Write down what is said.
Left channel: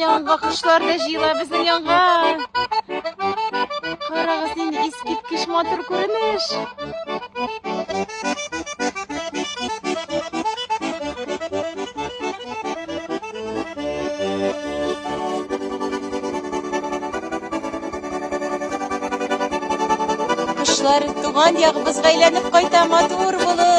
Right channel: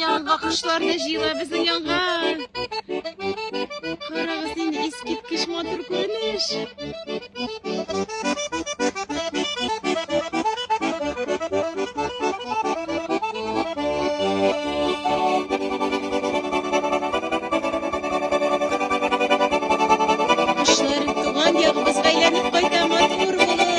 yanğa kuşlar da jıyla bizning yanğa. Qarağı seni eskitkiş motor ko'rinish. Kuşlar tuğan yağı bizga aylanib qayta motor bo'lib